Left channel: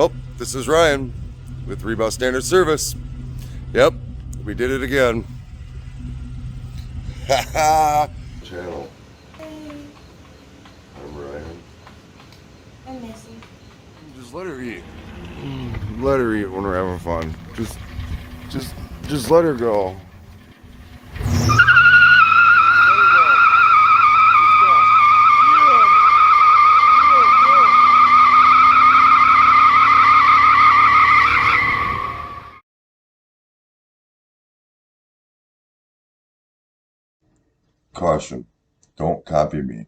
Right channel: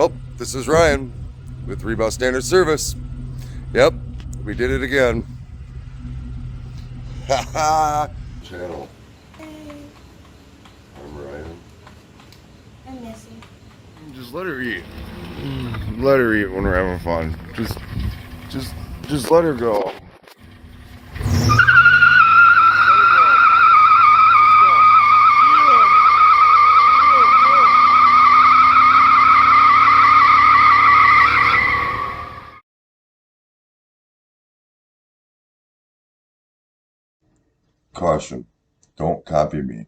Well, this is Ryan with Rebound Standard Service. Yep, we did it again. Haha. Channel. Hey. I'm Ryan. I'm Missy. Just let her eat. Let her eat when we're having fun. Just let her go. Caution, don't copy me.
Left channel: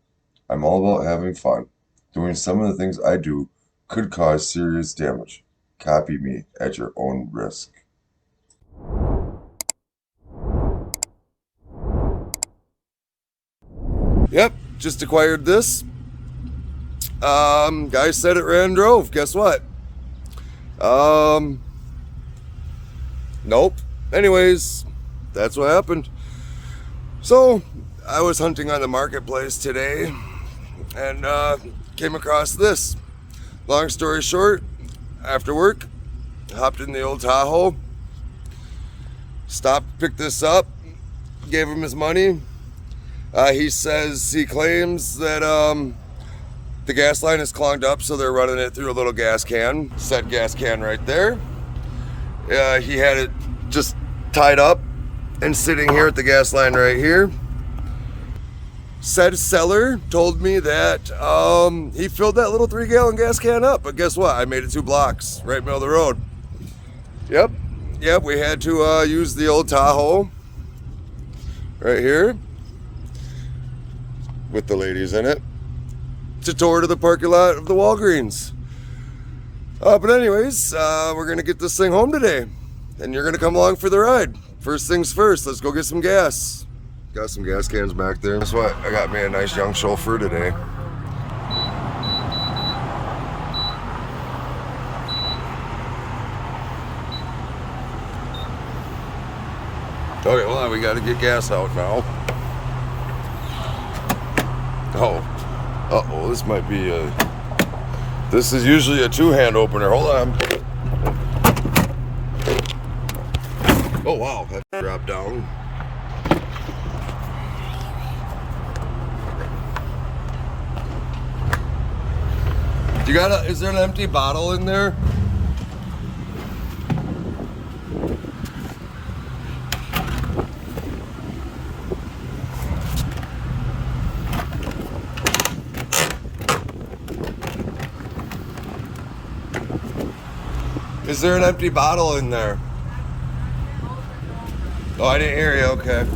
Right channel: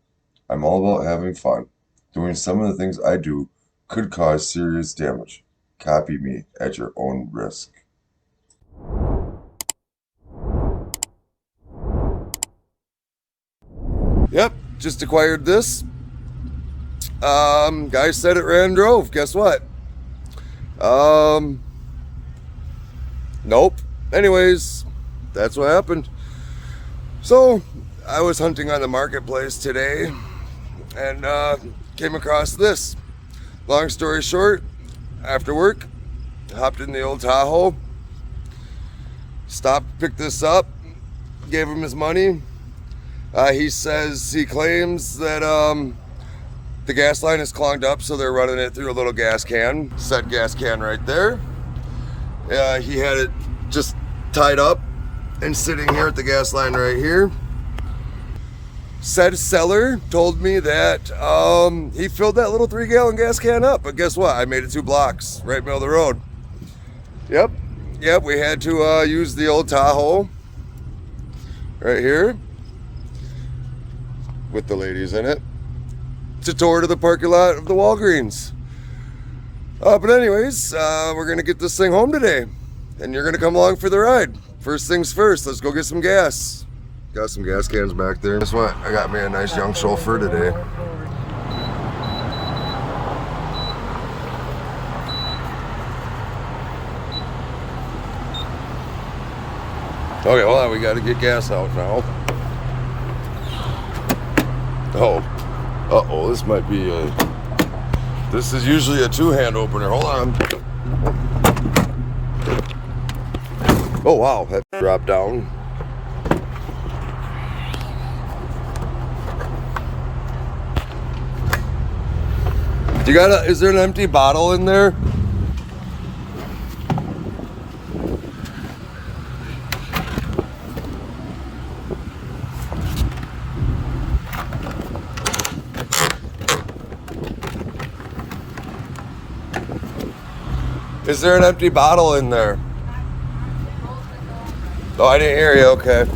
I'm all about having fun. Doing some of the things I do could cause serious damage. Copy me at your own risk. Yep, just acquired this. Guy said it ran and drove. Guess what? Nope. Anyways, that's what happened. So, I was hunting on the marketplace today and came across this. Long story short, after work, hopped in the old Tahoe, stopped, picked this up, gave him his money. He claims that the gas line is clogged up, so they're running it through a little gas can. Said gas can right there. He had it just tied up and sitting here at the gas line right here. Said seller told me that he filled that little 3-gallon gas can up, but guess what? I made it 2 blocks right middle of the road. Yep, we had to use the old Tahoe right here with the ladies in it to tour to the parking lot of the Walgreens. But anyways, we're gonna get this thing home today, and you're gonna come along for the ride. First things first, let's go get some gas. Got some gas cans back there. Guess what? I got me a nice young chauffeur today. Okay, hold on, we gotta get gas out now. Oh, uh-oh, this might be a... This is usually a 2-hand opener. Hold on. Oh wow, that dropped down. Is there an empty bottle in there? Is there an empty bottle in there? Oh, I didn't hear you, okay.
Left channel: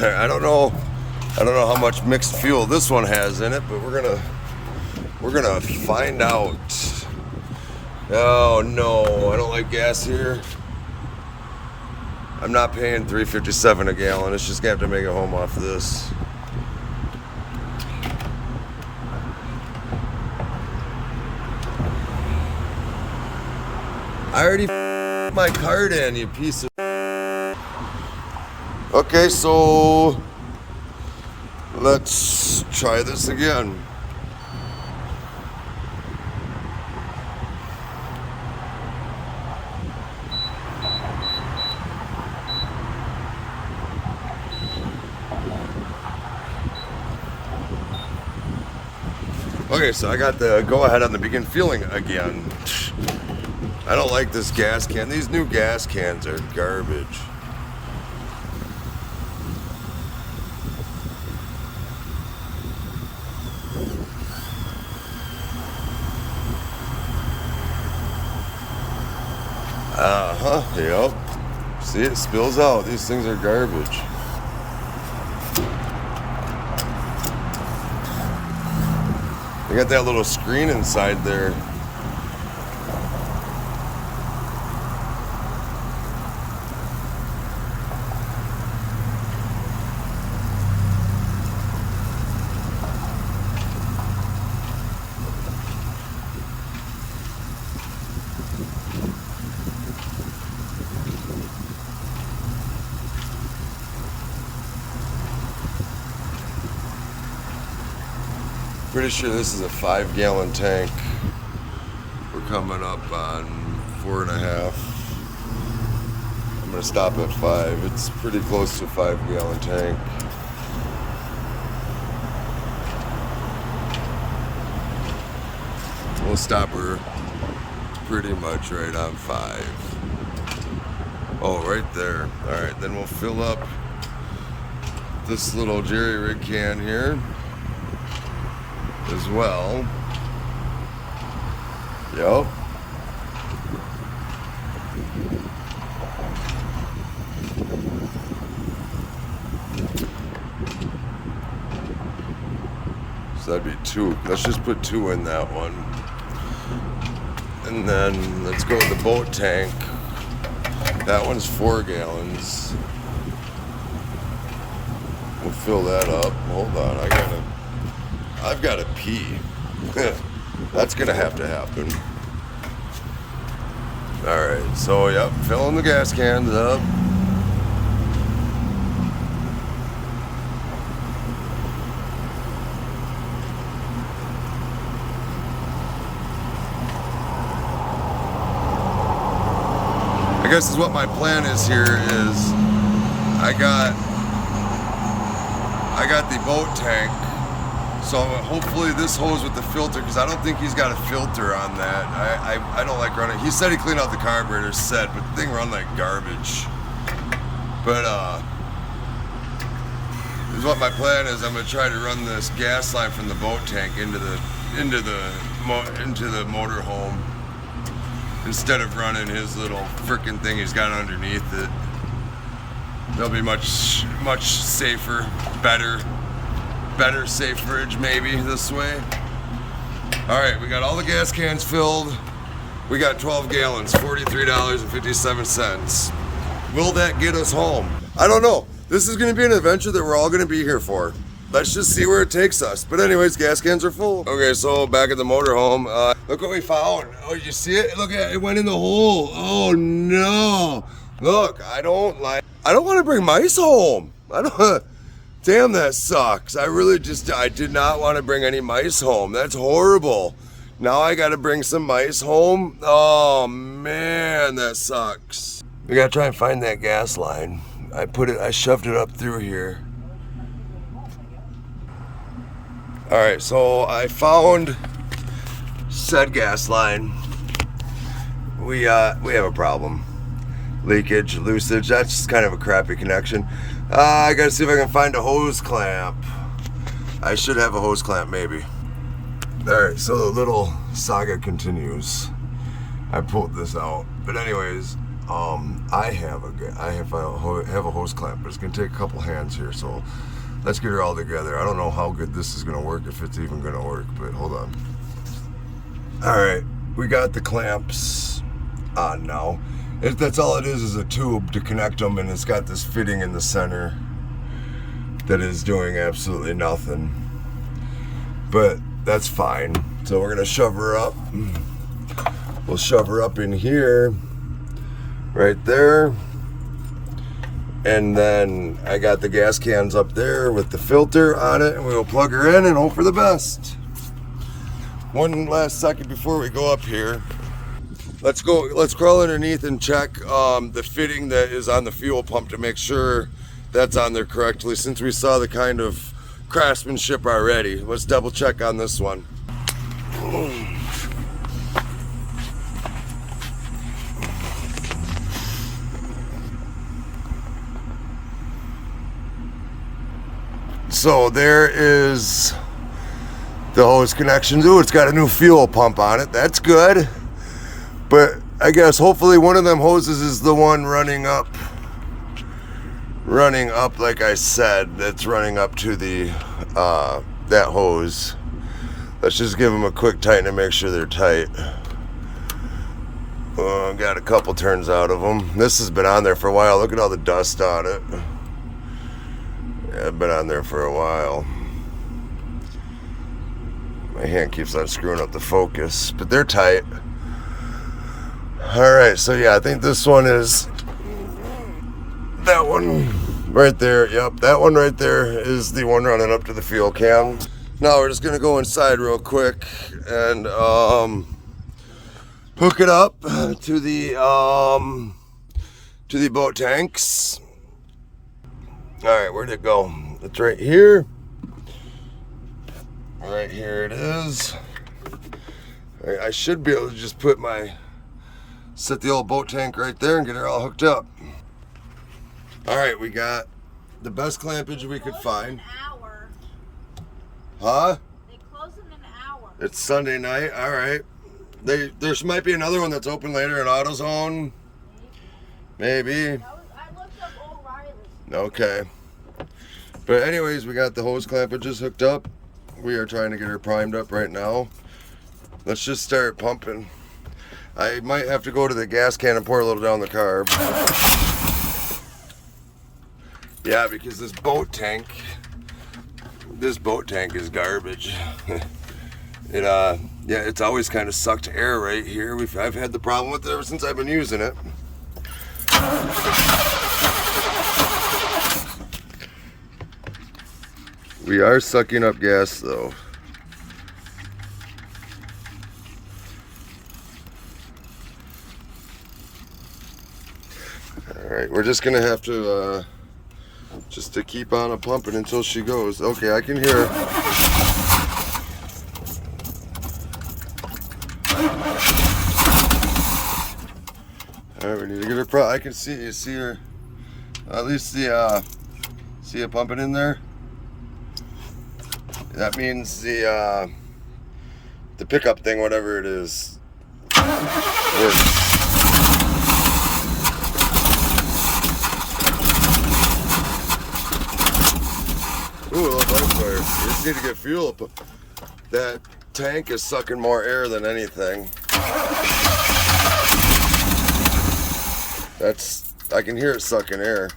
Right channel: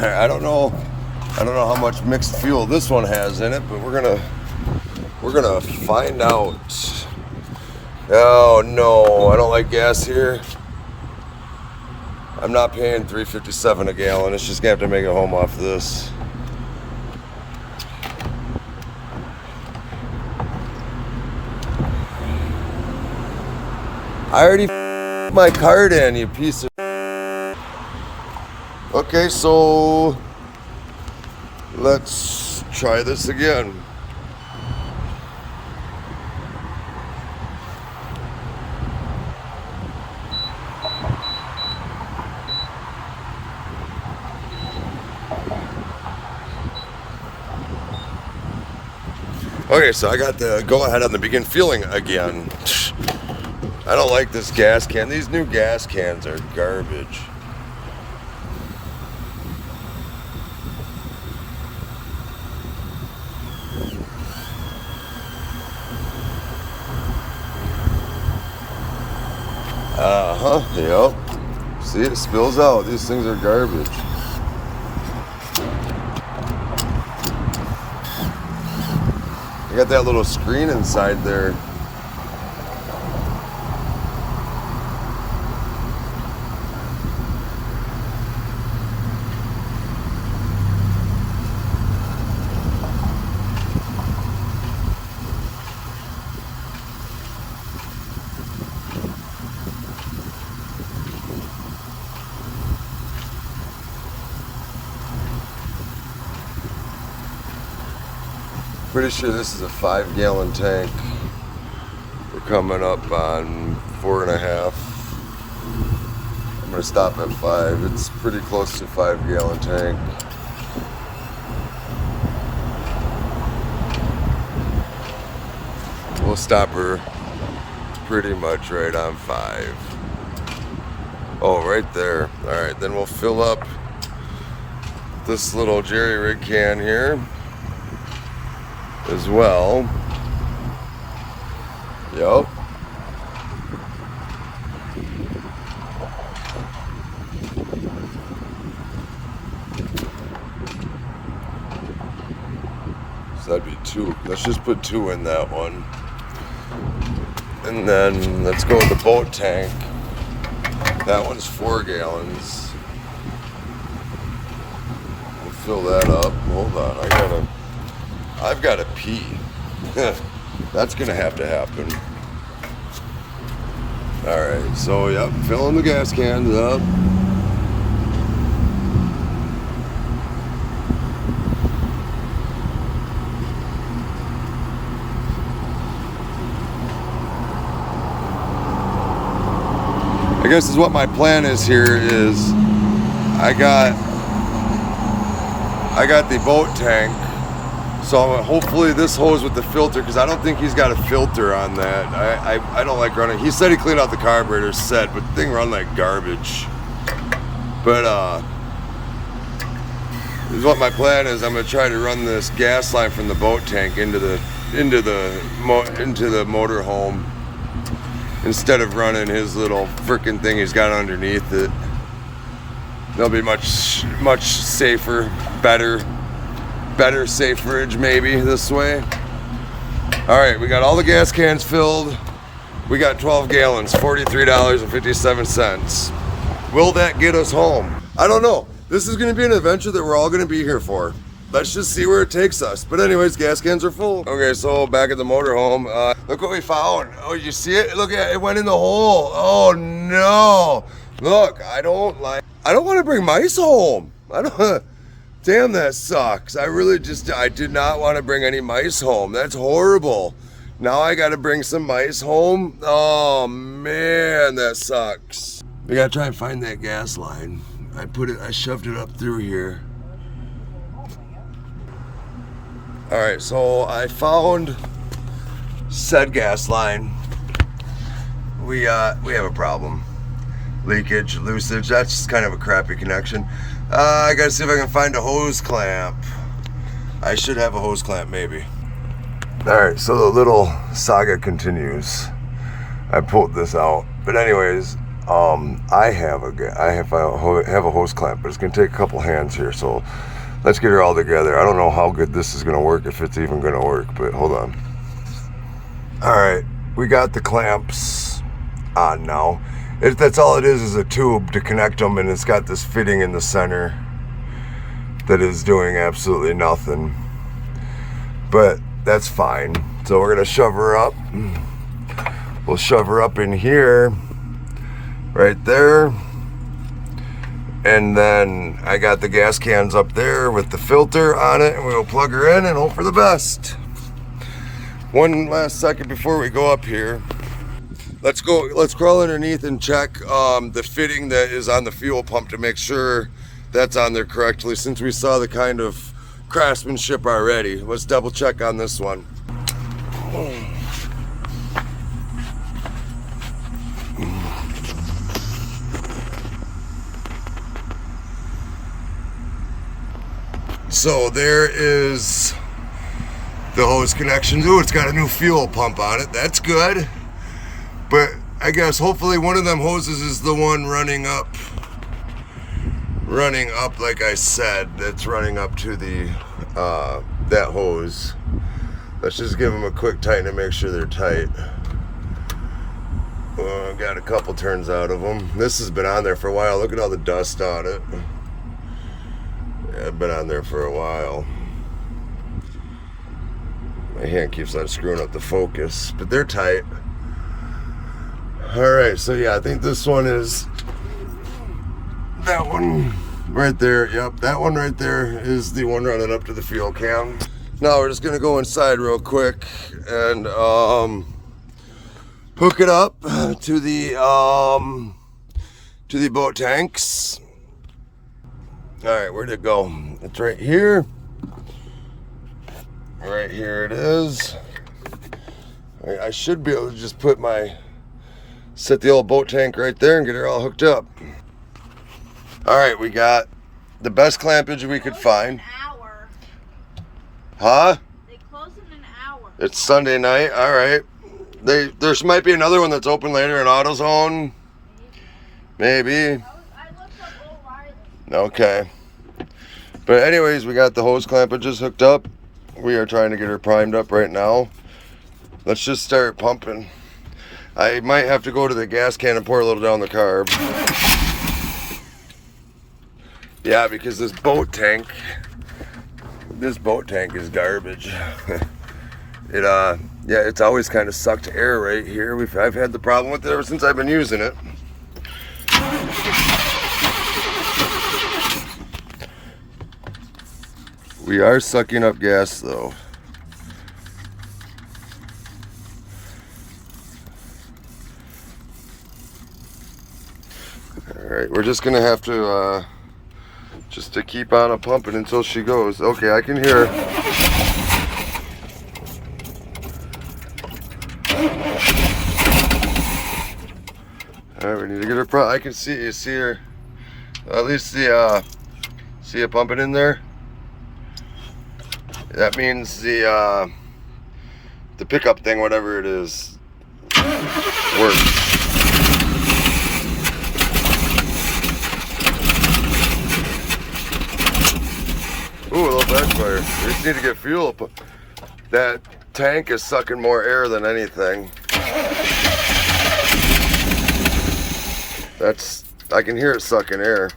I don't know how much mixed fuel this one has in it, but we're gonna find out. Oh no, I don't like gas here. I'm not paying $3.57 a gallon. It's just gonna have to make it home off this. I already my card in, you piece of. Okay, so let's try this again. Okay, so I got the go-ahead on the begin fueling again. I don't like this gas can. These new gas cans are garbage. Yep. See, it spills out. These things are garbage. They got that little screen inside there. Pretty sure this is a 5-gallon tank. We're coming up on 4.5. I'm gonna stop at 5. It's pretty close to 5-gallon tank. We'll stop her pretty much right on 5. Oh, right there. All right, then we'll fill up this little jerry rig can here as well. Yep. So that'd be 2. Let's just put 2 in that one. And then let's go with the boat tank. That one's 4 gallons. We'll fill that up. Hold on, I've gotta pee. That's gonna have to happen. All right, so yep, filling the gas cans up. I guess is what my plan is here is I got the boat tank, so hopefully this hose with the filter, because I don't think he's got a filter on that. I don't like running. He said he cleaned out the carburetor set, but the thing run like garbage. But this is what my plan is. I'm gonna try to run this gas line from the boat tank into the motorhome, instead of running his little frickin' thing he's got underneath it. They'll be much safer, better saferage maybe this way. All right, we got all the gas cans filled. We got 12 gallons, $43.57. Will that get us home? I don't know. This is gonna be an adventure that we're all gonna be here for. Let's just see where it takes us. But anyways, gas cans are full. Okay, so back at the motorhome, look what we found. Oh, you see it? Look at it, it went in the hole. Oh no. Look, I don't want to bring mice home. Damn, that sucks. I did not want to bring any mice home. That's horrible. Now I got to bring some mice home. Oh man, that sucks. We got to try and find that gas line. I shoved it up through here. All right, so I found said gas line. We have a problem. Leakage, loosage, that's kind of a crappy connection. I gotta see if I can find a hose clamp. I should have a hose clamp maybe. All right, so the little saga continues. I pulled this out, but anyways, I have a hose clamp, but it's gonna take a couple hands here, so let's get her all together. I don't know how good this is gonna work, if it's even gonna work, but hold on. All right, we got the clamps on now. That's all it is a tube to connect them, and it's got this fitting in the center that is doing absolutely nothing. But that's fine. So we're gonna shove her up. We'll shove her up in here, right there. And then I got the gas cans up there with the filter on it, and we'll plug her in and hope for the best. One last second before we go up here. Let's crawl underneath and check the fitting that is on the fuel pump to make sure that's on there correctly, since we saw the kind of craftsmanship already. Let's double check on this one. So there is the hose connection. Ooh, it's got a new fuel pump on it. That's good. But I guess hopefully one of them hoses is the one running up like I said. It's running up to the that hose. Let's just give them a quick tighten to make sure they're tight. Got a couple turns out of them. This has been on there for a while. Look at all the dust on it. Yeah, it's been on there for a while. My hand keeps on screwing up the focus, but they're tight. All right, so yeah, I think this one is that one right there. Yep, that one right there is the one running up to the fuel can. Now we're just gonna go inside real quick and hook it up to the boat tanks. All right, where'd it go? It's right here. Right here it is. All right, I should be able to just set the old boat tank right there and get her all hooked up. All right, we got the best clampage we could find. Huh? They close in an hour. It's Sunday night. All right. There might be another one that's open later in AutoZone. Maybe. I looked up O'Reilly. Okay. But anyways, we got the hose clampages hooked up. We are trying to get her primed up right now. Let's just start pumping. I might have to go to the gas can and pour a little down the carb. Yeah, because this boat tank is garbage. Yeah, it's always kind of sucked air right here. I've had the problem with it ever since I've been using it. We are sucking up gas though. All right, we're just gonna have to just to keep on pumping until she goes. Okay, I can hear her. All right, we need to get her. I can see her. At least see it pumping in there. That means the pickup thing, whatever it is, works. Ooh, a little backfire. We just need to get fuel. That tank is sucking more air than anything. I can hear it sucking air.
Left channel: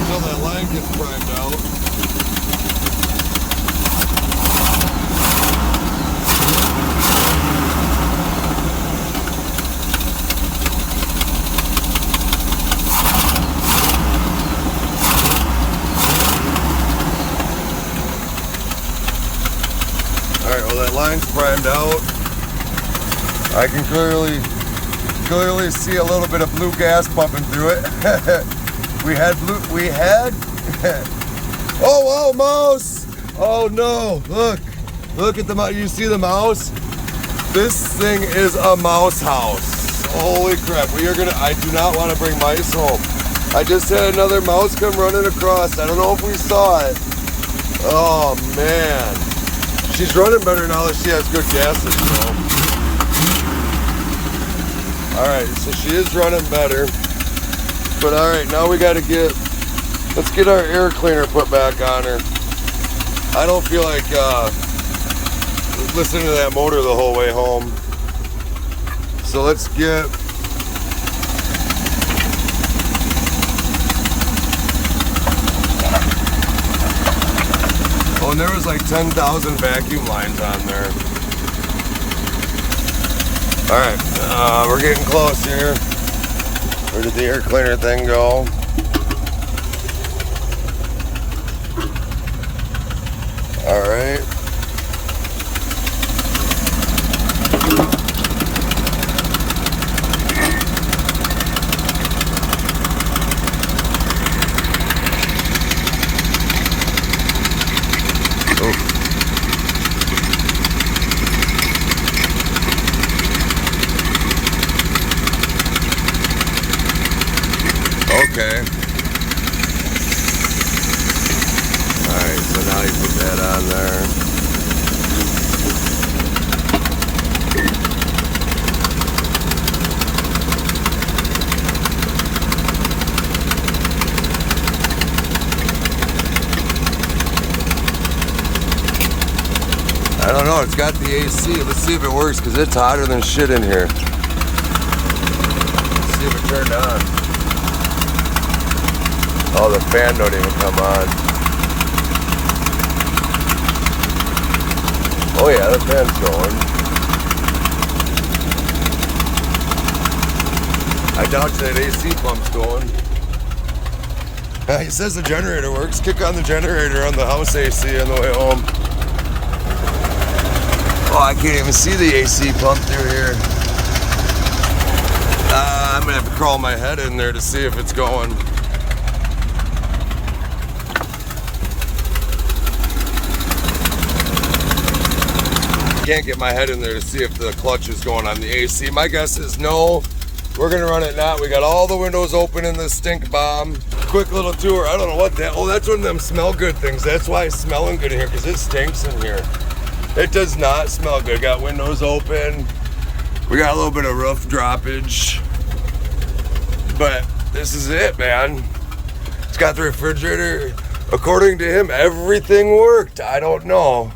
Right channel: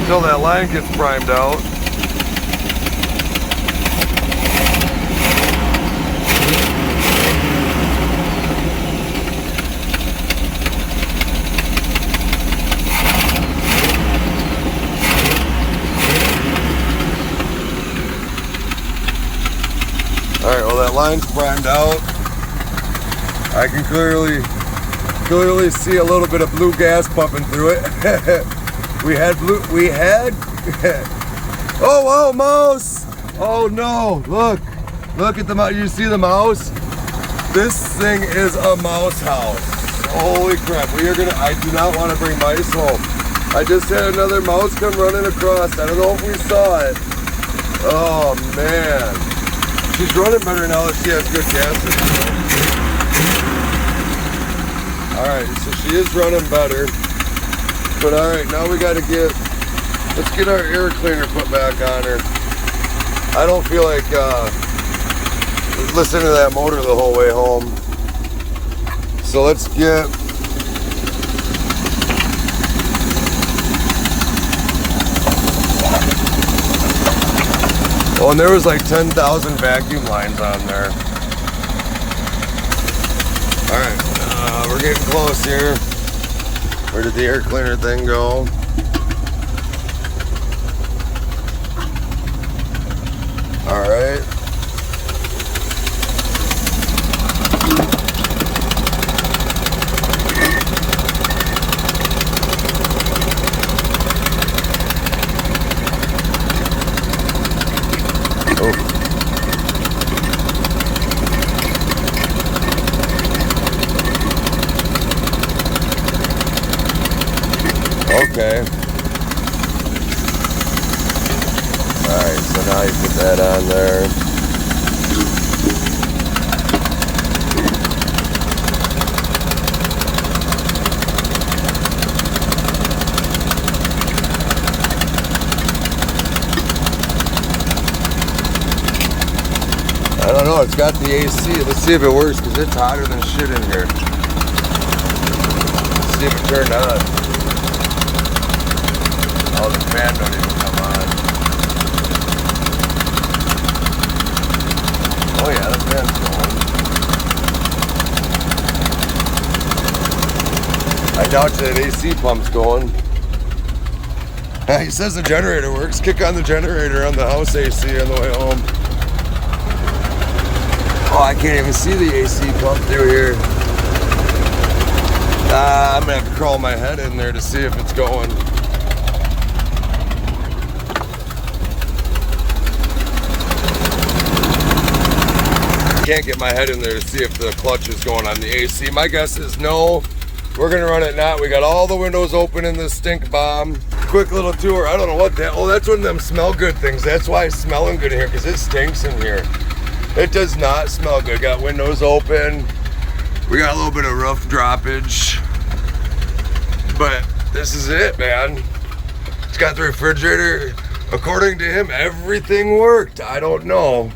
Until that line gets primed out. All right, well that line's primed out. I can clearly see a little bit of blue gas pumping through it. we had oh wow, mouse. Oh no, look at the mouse. You see the mouse? This thing is a Mousehouse. Holy crap. I do not want to bring mice home. I just had another mouse come running across. I don't know if we saw it. Oh man, she's running better now that she has good gas in her. Alright, so she is running better. But alright, now we gotta let's get our air cleaner put back on her. I don't feel like listening to that motor the whole way home. So let's get oh, and there was like 10,000 vacuum lines on there. Alright, we're getting close here. Where did the air cleaner thing go? Alright. Oh. Okay. Alright, so now you put that on there. I don't know, it's got the AC. Let's see if it works because it's hotter than shit in here. Let's see if it turned on. Oh, the fan don't even come on. Oh yeah, the fan's going. I doubt that AC pump's going. He says the generator works. Kick on the generator on the house AC on the way home. Oh, I can't even see the AC pump through here. I'm gonna have to crawl my head in there to see if it's going. Can't get my head in there to see if the clutch is going on the AC. My guess is no. We're gonna run it not. We got all the windows open in this stink bomb. Quick little tour. I don't know what that. Oh, that's one of them smell good things. That's why it's smelling good in here, because it stinks in here. It does not smell good. Got windows open. We got a little bit of roof droppage. But this is it, man. It's got the refrigerator. According to him, everything worked. I don't know.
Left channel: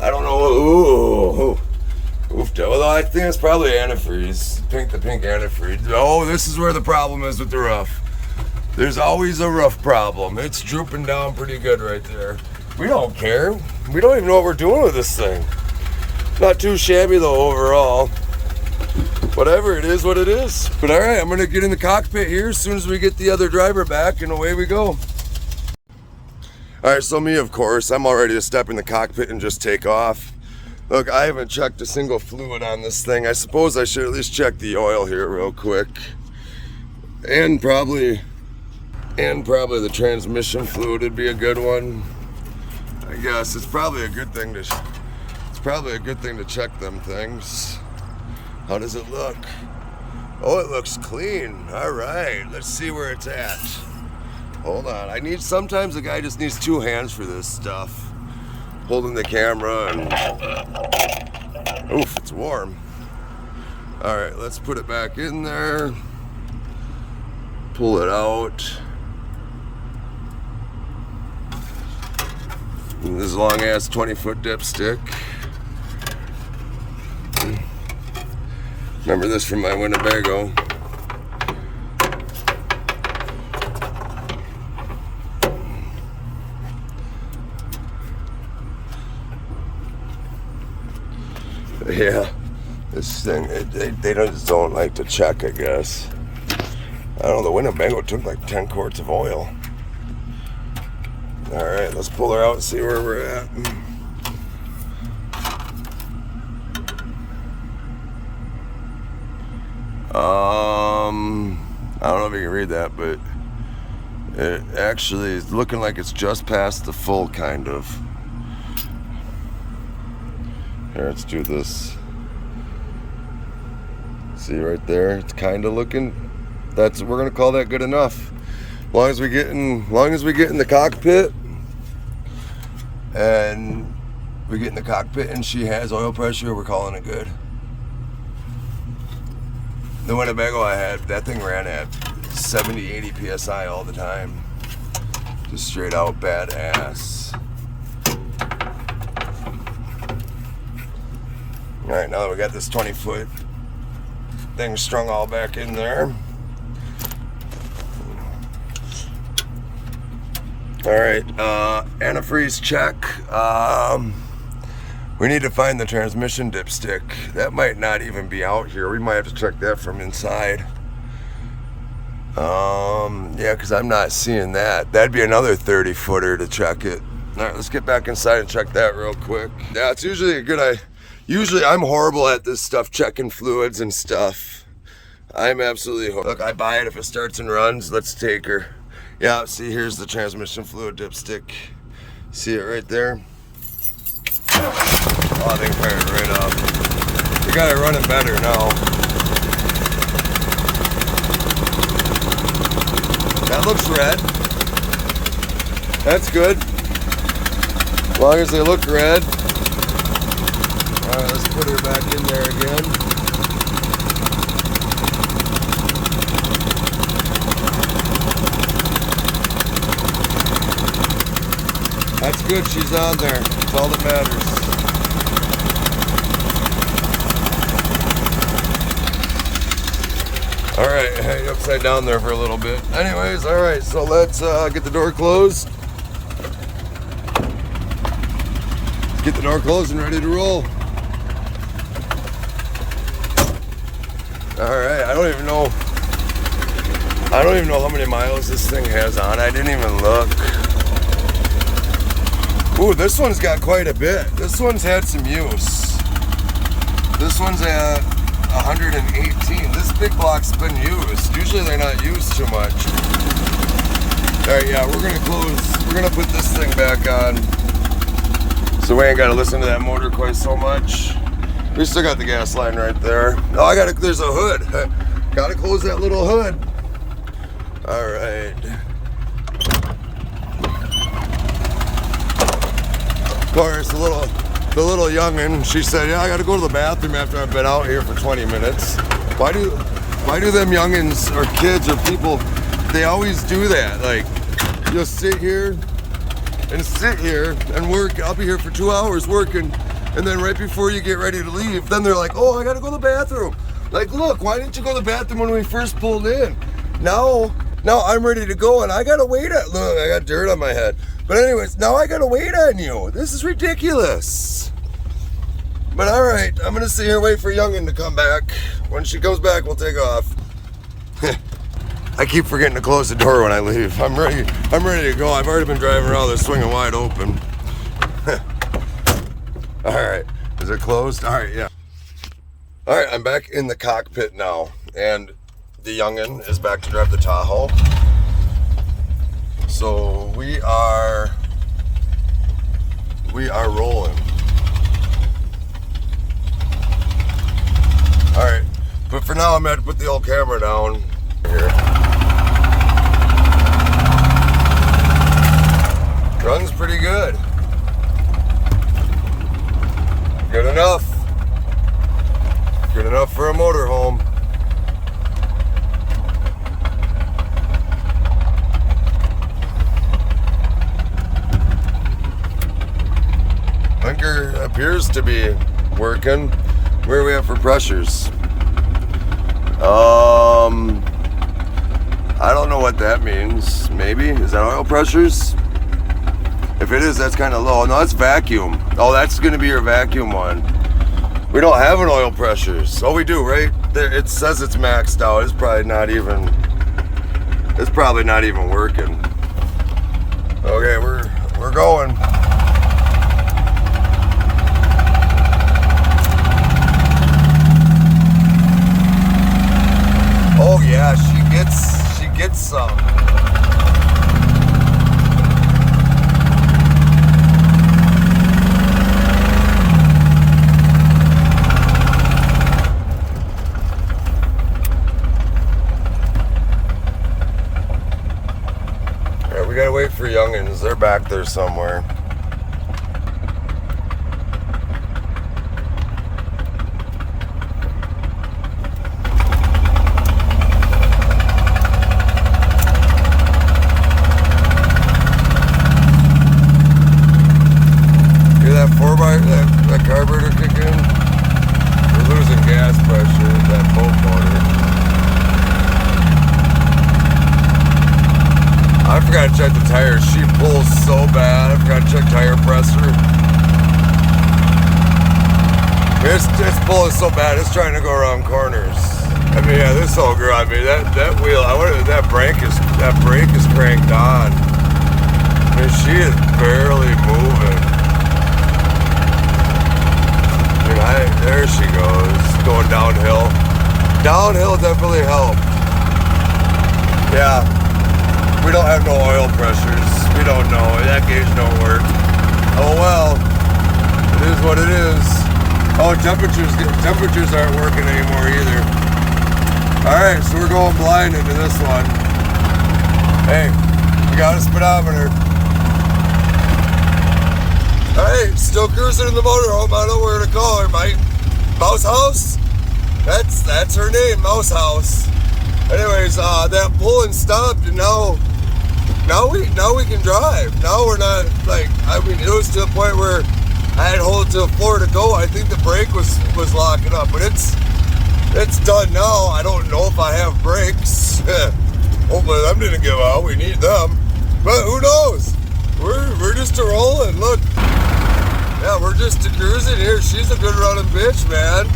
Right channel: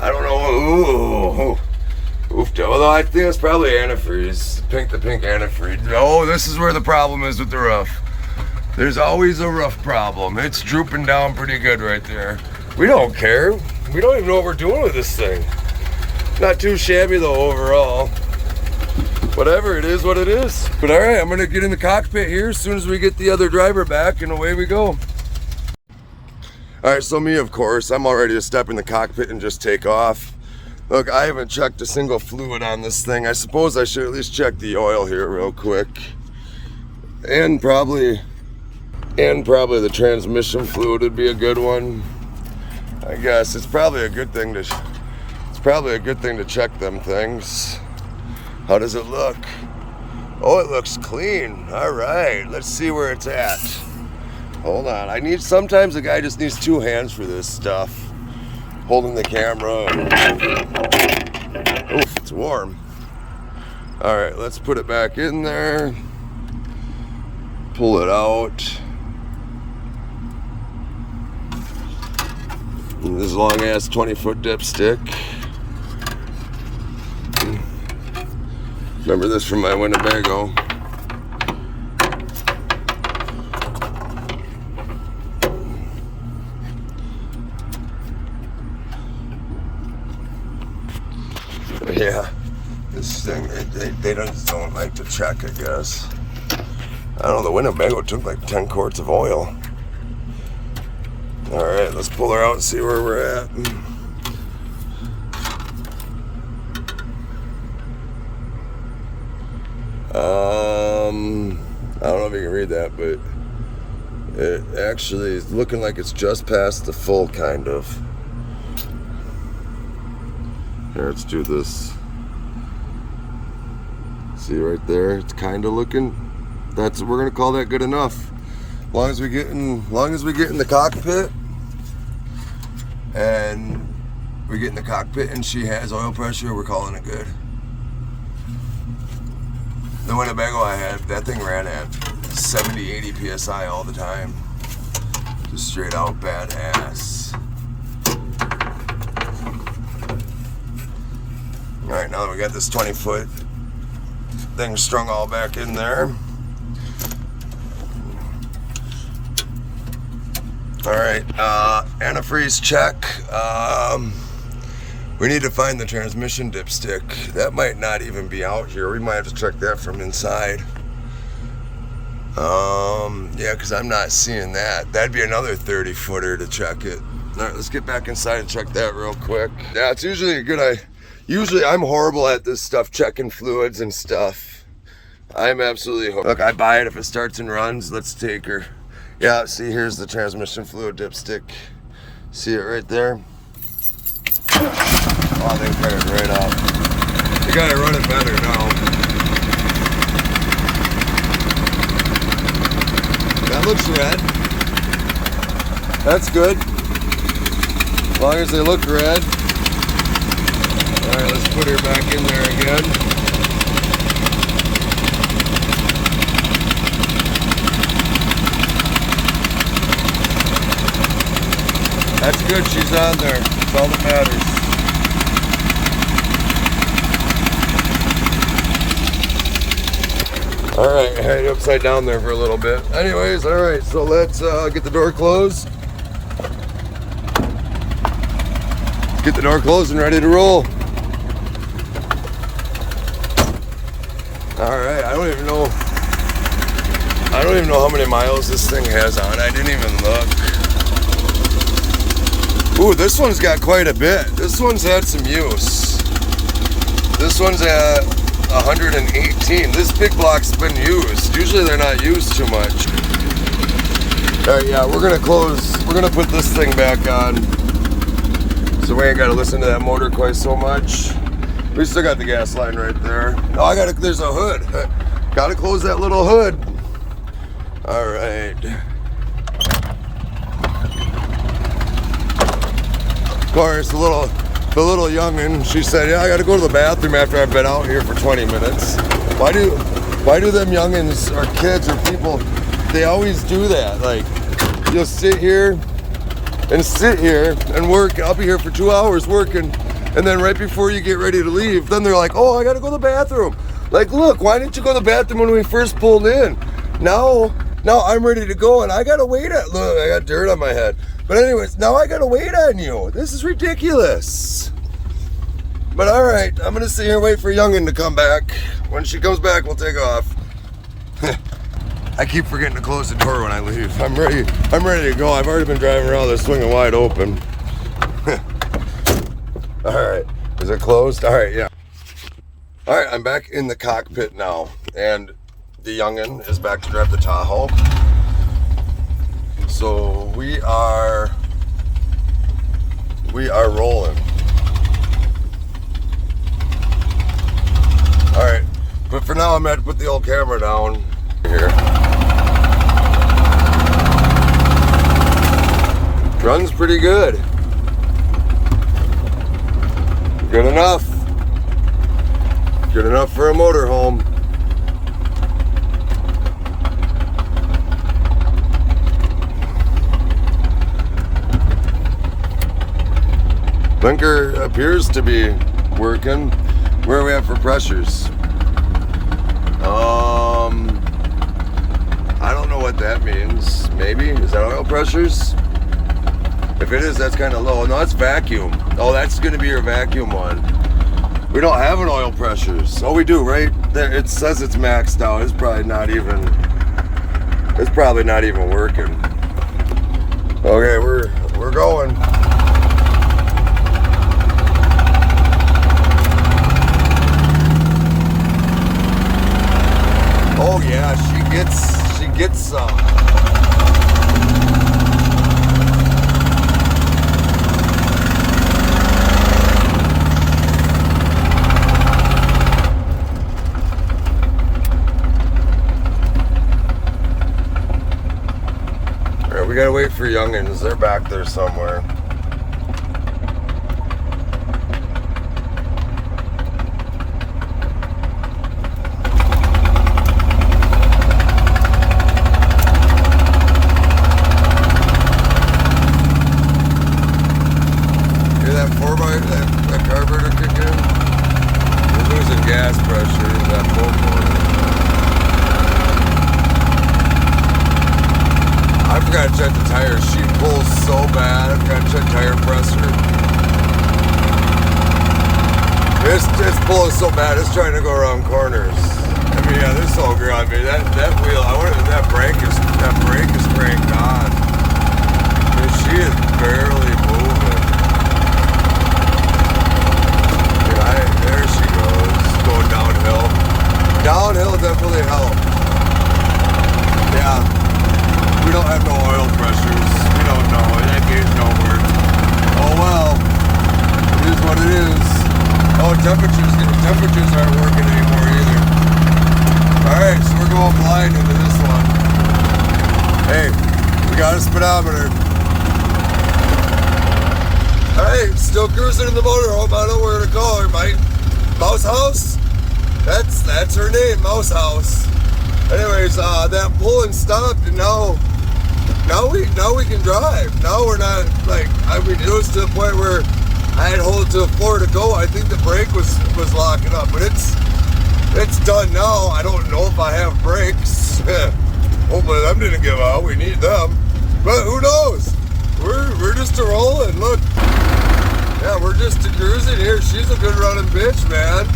Ooh. Oofed. Although I think it's probably antifreeze. The pink antifreeze. Oh, this is where the problem is with the roof. There's always a roof problem. It's drooping down pretty good right there. We don't care. We don't even know what we're doing with this thing. Not too shabby though overall. Whatever, it is what it is. But all right, I'm gonna get in the cockpit here as soon as we get the other driver back, and away we go. All right, so me, of course, I'm all ready to step in the cockpit and just take off. Look, I haven't checked a single fluid on this thing. I suppose I should at least check the oil here real quick. And probably the transmission fluid would be a good one. I guess it's probably a good thing to check them things. How does it look? Oh, it looks clean. All right, let's see where it's at. Hold on. Sometimes a guy just needs two hands for this stuff. Holding the camera and oof, it's warm. All right, let's put it back in there. Pull it out. This long ass 20-foot dipstick. Remember this from my Winnebago. Yeah, this thing, they just don't like to check, I guess. I don't know, the Winnebago took like 10 quarts of oil. All right, let's pull her out and see where we're at. I don't know if you can read that, but it actually is looking like it's just past the full, kind of. Here, let's do this. See right there? It's kind of looking. We're gonna call that good enough. As long as we get in the cockpit, and she has oil pressure, we're calling it good. The Winnebago I had, that thing ran at 70, 80 PSI all the time. Just straight out badass. All right, now that we got this 20-foot thing strung all back in there. All right, antifreeze check. We need to find the transmission dipstick. That might not even be out here. We might have to check that from inside. Yeah, because I'm not seeing that. That'd be another 30-footer to check it. All right, let's get back inside and check that real quick. Yeah, it's usually a good idea. Usually I'm horrible at this stuff, checking fluids and stuff. I'm absolutely horrible. Look, I buy it if it starts and runs. Let's take her. Yeah, see, here's the transmission fluid dipstick. See it right there? Oh, I think fired right up. We got it running better now. That looks red. That's good. As long as they look red. Alright, let's put her back in there again. That's good, she's on there. That's all that matters. All right, hang upside down there for a little bit. Anyways, all right, so let's get the door closed. Let's get the door closed and ready to roll. All right, I don't even know how many miles this thing has on. I didn't even look. Ooh, this one's got quite a bit. This one's had some use. This one's at 118. This big block's been used. Usually they're not used too much. All right, yeah, we're gonna put this thing back on, so we ain't gotta listen to that motor quite so much. We still got the gas line right there. Oh, there's a hood. Gotta close that little hood. All right. Of course, the little youngin', she said, yeah, I gotta go to the bathroom after I've been out here for 20 minutes. Why do them youngins or kids or people, they always do that? Like, you'll sit here and work. I'll be here for 2 hours working, and then right before you get ready to leave, then they're like, oh, I gotta go to the bathroom. Like, look, why didn't you go to the bathroom when we first pulled in? Now I'm ready to go, and I gotta wait. Look, I got dirt on my head. But anyways, now I gotta wait on you. This is ridiculous. But all right, I'm gonna sit here and wait for Youngin to come back. When she comes back, we'll take off. I keep forgetting to close the door when I leave. I'm ready to go. I've already been driving around this swinging wide open. All right, is it closed? All right, yeah. All right, I'm back in the cockpit now, and the youngin is back to drive the Tahoe. So we are rolling. All right, but for now I'm gonna have to put the old camera down here. Runs pretty good. Good enough. Good enough for a motorhome. Blinker appears to be working. Where are we at for pressures? I don't know what that means. Maybe, is that oil pressures? If it is, that's kind of low. No, it's vacuum. Oh, that's gonna be your vacuum one. We don't have an oil pressures. Oh, we do, right? There, it says it's maxed out. It's probably not even working. Okay, we're going. Oh yeah, she gets some. All right, we gotta wait for youngins. They're back there somewhere. That carburetor kick in. We're losing gas pressure, that boat motor. I forgot to check the tires. She pulls so bad. I forgot to check tire pressure. It's pulling so bad, it's trying to go around corners. I mean, yeah, this old girl, I mean, that wheel, I wonder if that brake is cranked on. I mean, she is barely moving. There she goes, going downhill. Downhill definitely helped. Yeah, we don't have no oil pressures. We don't know. That gauge don't work. Oh well, it is what it is. Oh, temperatures aren't working anymore either. All right, so we're going blind into this one. Hey, we got a speedometer. Hey, still cruising in the motorhome. I don't know where to call her, mate. Mousehouse? That's her name, Mousehouse. Anyways, that pulling stopped, and now we can drive. Now we're not like, I mean, it was to the point where I had to hold it to the floor to go. I think the brake was locking up, but it's it's done now. I don't know if I have brakes. Hopefully them didn't give out. We need them. But who knows? We're just a rolling. Look. Yeah, we're just a cruising here. She's a good running bitch, man.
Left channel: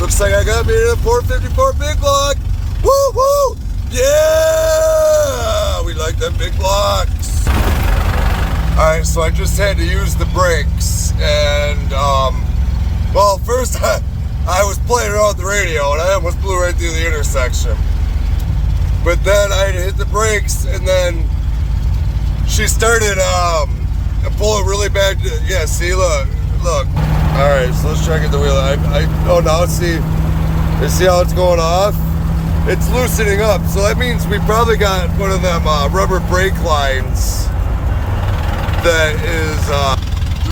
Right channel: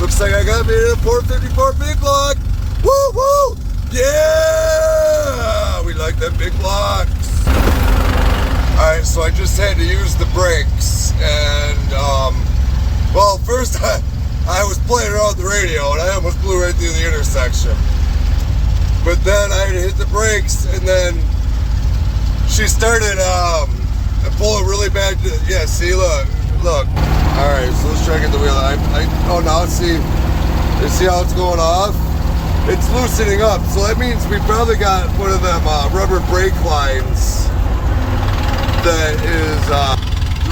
Looks like I got me in a 454 big block. Woo woo! Yeah! We like them big blocks. Alright, so I just had to use the brakes. And, well, first I was playing around with the radio and I almost blew right through the intersection. But then I hit the brakes and then she started pulling really bad. Yeah, see, look. Alright, so let's try to get the wheel. Oh, now see how it's going off? It's loosening up, so that means we probably got one of them rubber brake lines that is, the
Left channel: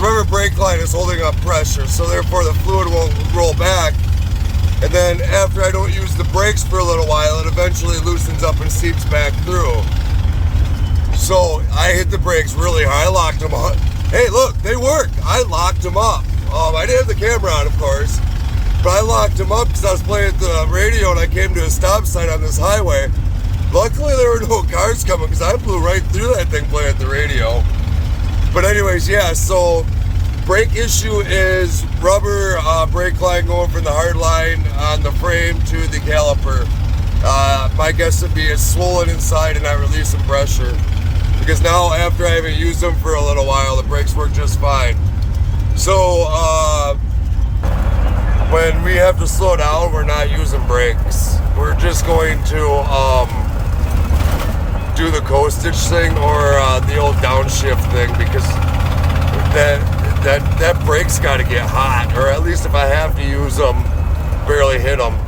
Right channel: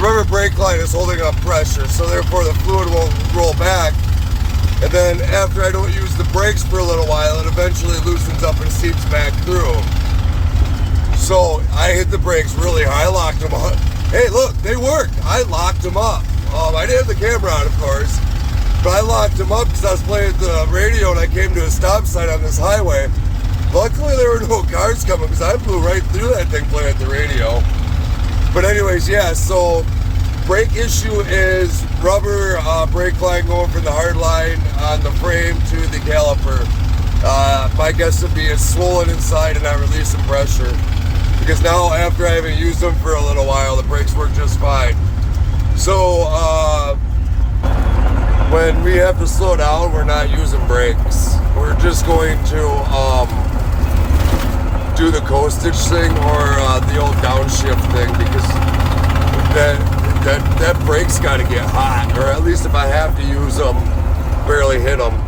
rubber brake line is holding up pressure, so therefore the fluid won't roll back. And then after I don't use the brakes for a little while, it eventually loosens up and seeps back through. So I hit the brakes really hard. I locked them up. Hey, look, they worked. I locked them up. I didn't have the camera on, of course, but I locked them up because I was playing at the radio and I came to a stop sign on this highway. Luckily, there were no cars coming because I blew right through that thing playing at the radio. But anyways, yeah, so brake issue is rubber brake line going from the hard line on the frame to the caliper. My guess would be it's swollen inside and not releasing pressure. Because now, after I haven't used them for a little while, the brakes work just fine. So, when we have to slow down, we're not using brakes. We're just going to do the coastage thing or the old downshift thing, because that brake's got to get hot, or at least if I have to use them, barely hit them.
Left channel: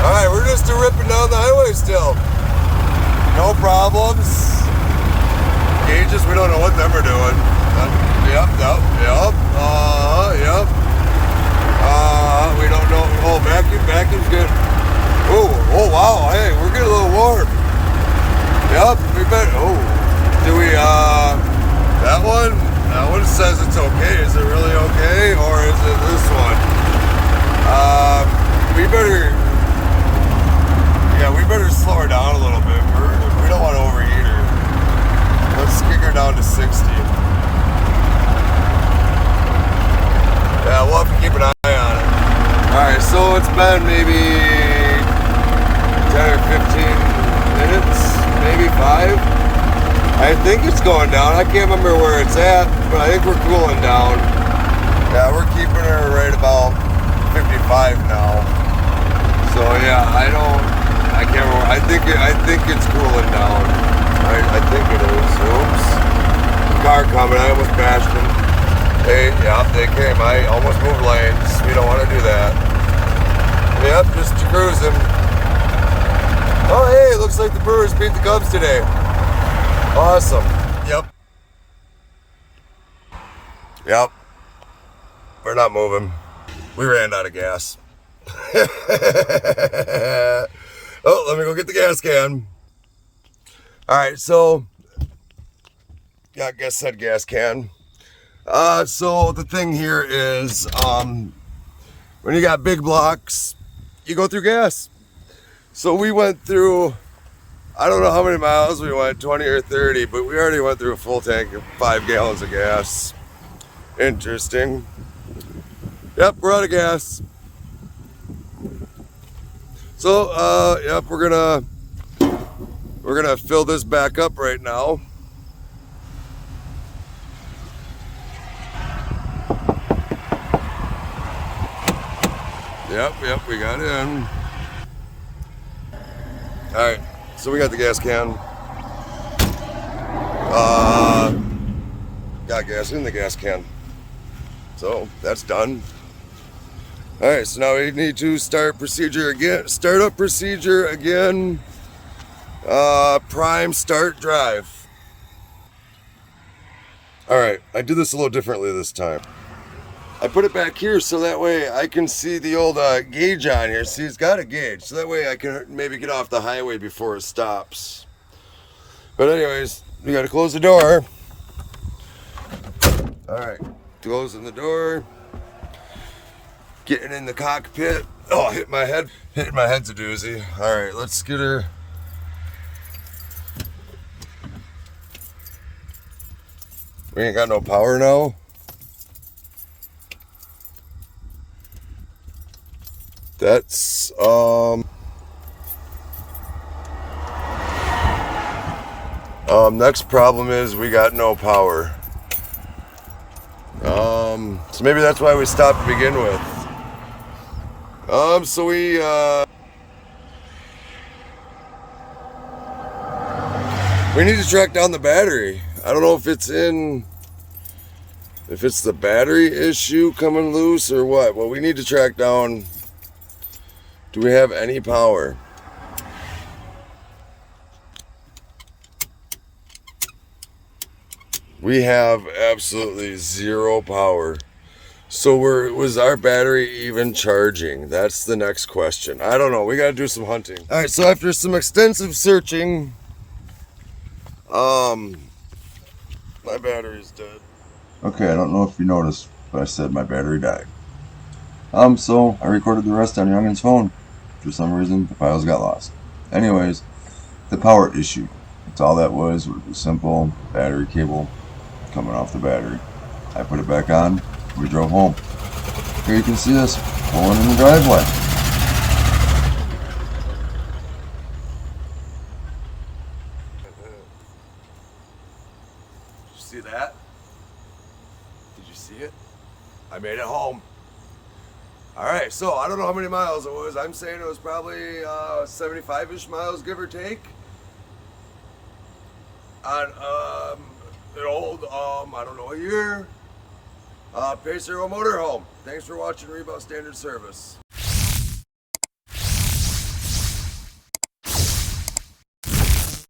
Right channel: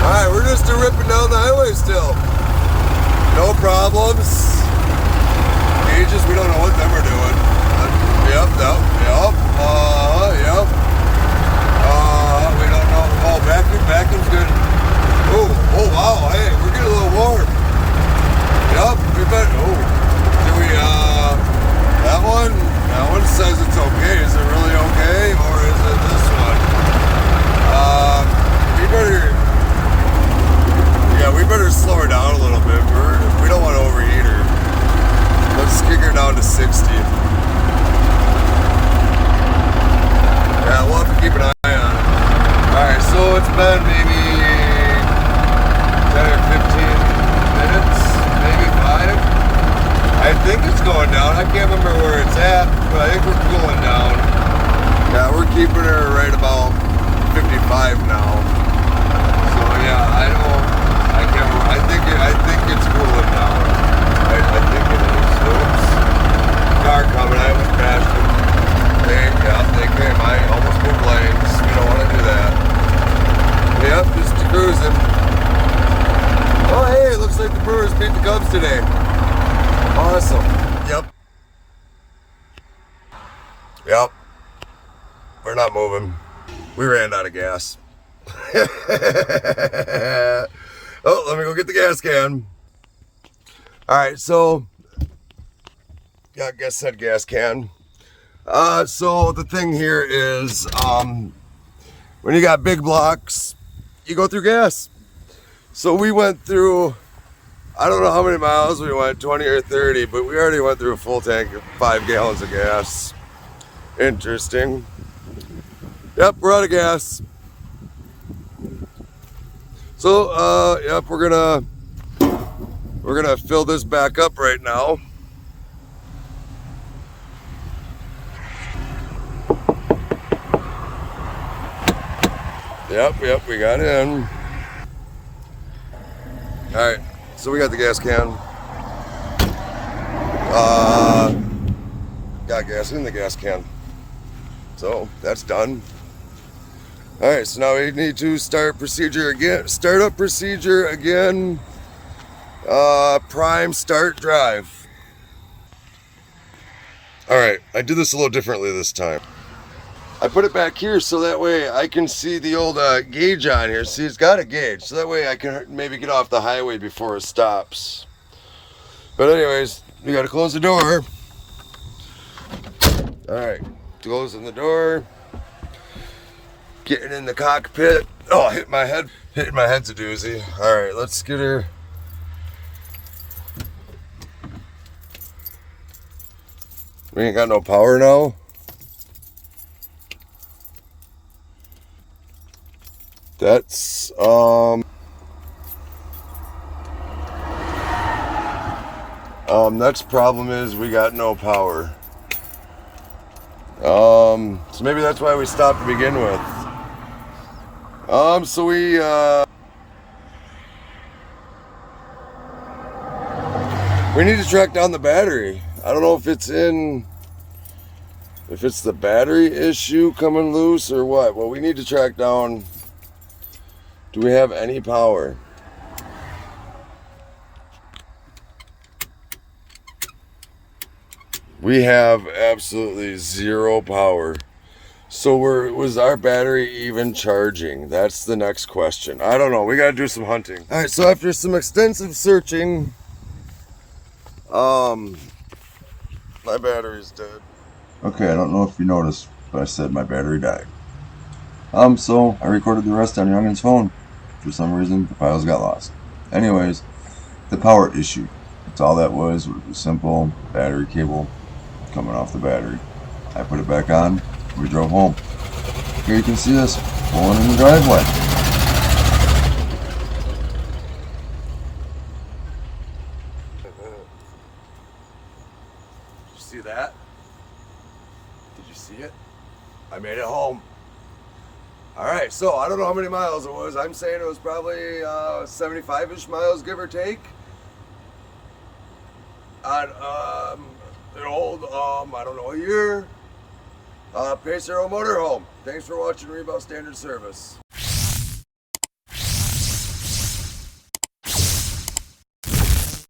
All right, we're just ripping down the highway still. No problems. Gauges, we don't know what them are doing. Yep. We don't know. Oh, vacuum's good. Oh wow, hey, we're getting a little warm. Yep, we better, do we, that one says it's okay. Is it really okay, or is it this one? We better slow her down a little bit. We don't want to overheat her. Let's kick her down to 60. Yeah, we'll have to keep an eye on it. Alright, so it's been maybe 10 or 15 minutes, maybe 5. I think it's going down. I can't remember where it's at, but I think we're cooling down. Yeah, we're keeping her right about 55 now. So yeah, I think it's cooling down. Right, I think it is. Oops. Car coming, I almost bashed him. They came. I almost moved lanes. We don't want to do that. Yep, just cruising. Oh hey, looks like the Brewers beat the Cubs today. Awesome. Yep. We're not moving. We ran out of gas. Oh, let me go get the gas can. Alright, so yeah, I guess said gas can. So the thing here is when you got big blocks, you go through gas. So we went through, I don't know how many miles we went, 20 or 30, but we already went through a full tank of 5 gallons of gas. Interesting. Yep, we're out of gas. So, yep, we're gonna fill this back up right now. Yep, we got in. Alright, so we got the gas can. Got gas in the gas can. So, that's done. Alright, so now we need to start up procedure again. Prime start drive. Alright, I did this a little differently this time. I put it back here so that way I can see the old gauge on here. See, it's got a gauge, so that way I can maybe get off the highway before it stops. But anyways, we gotta close the door. Alright, closing the door. Getting in the cockpit. Oh, hitting my head's a doozy. All right, let's get her. We ain't got no power now. That's next problem is we got no power. So maybe that's why we stopped to begin with. So we need to track down the battery. I don't know if it's the battery issue coming loose or what. Well, we need to track down, do we have any power? We have absolutely zero power. So was our battery even charging? That's the next question. I don't know. We got to do some hunting. All right, so after some extensive searching, my battery's dead. Okay, I don't know if you noticed, but I said my battery died. So I recorded the rest on Youngin's phone. For some reason, the files got lost. Anyways, the power issue. That's all that was. It was simple battery cable coming off the battery. I put it back on. We drove home. Here you can see us pulling in the driveway. Did you see that? Did you see it? I made it home. All right, so I don't know how many miles it was. I'm saying it was probably 75-ish miles, give or take. On an old, I don't know, a year. Pace Arrow Motorhome. Thanks for watching Rebound Standard Service.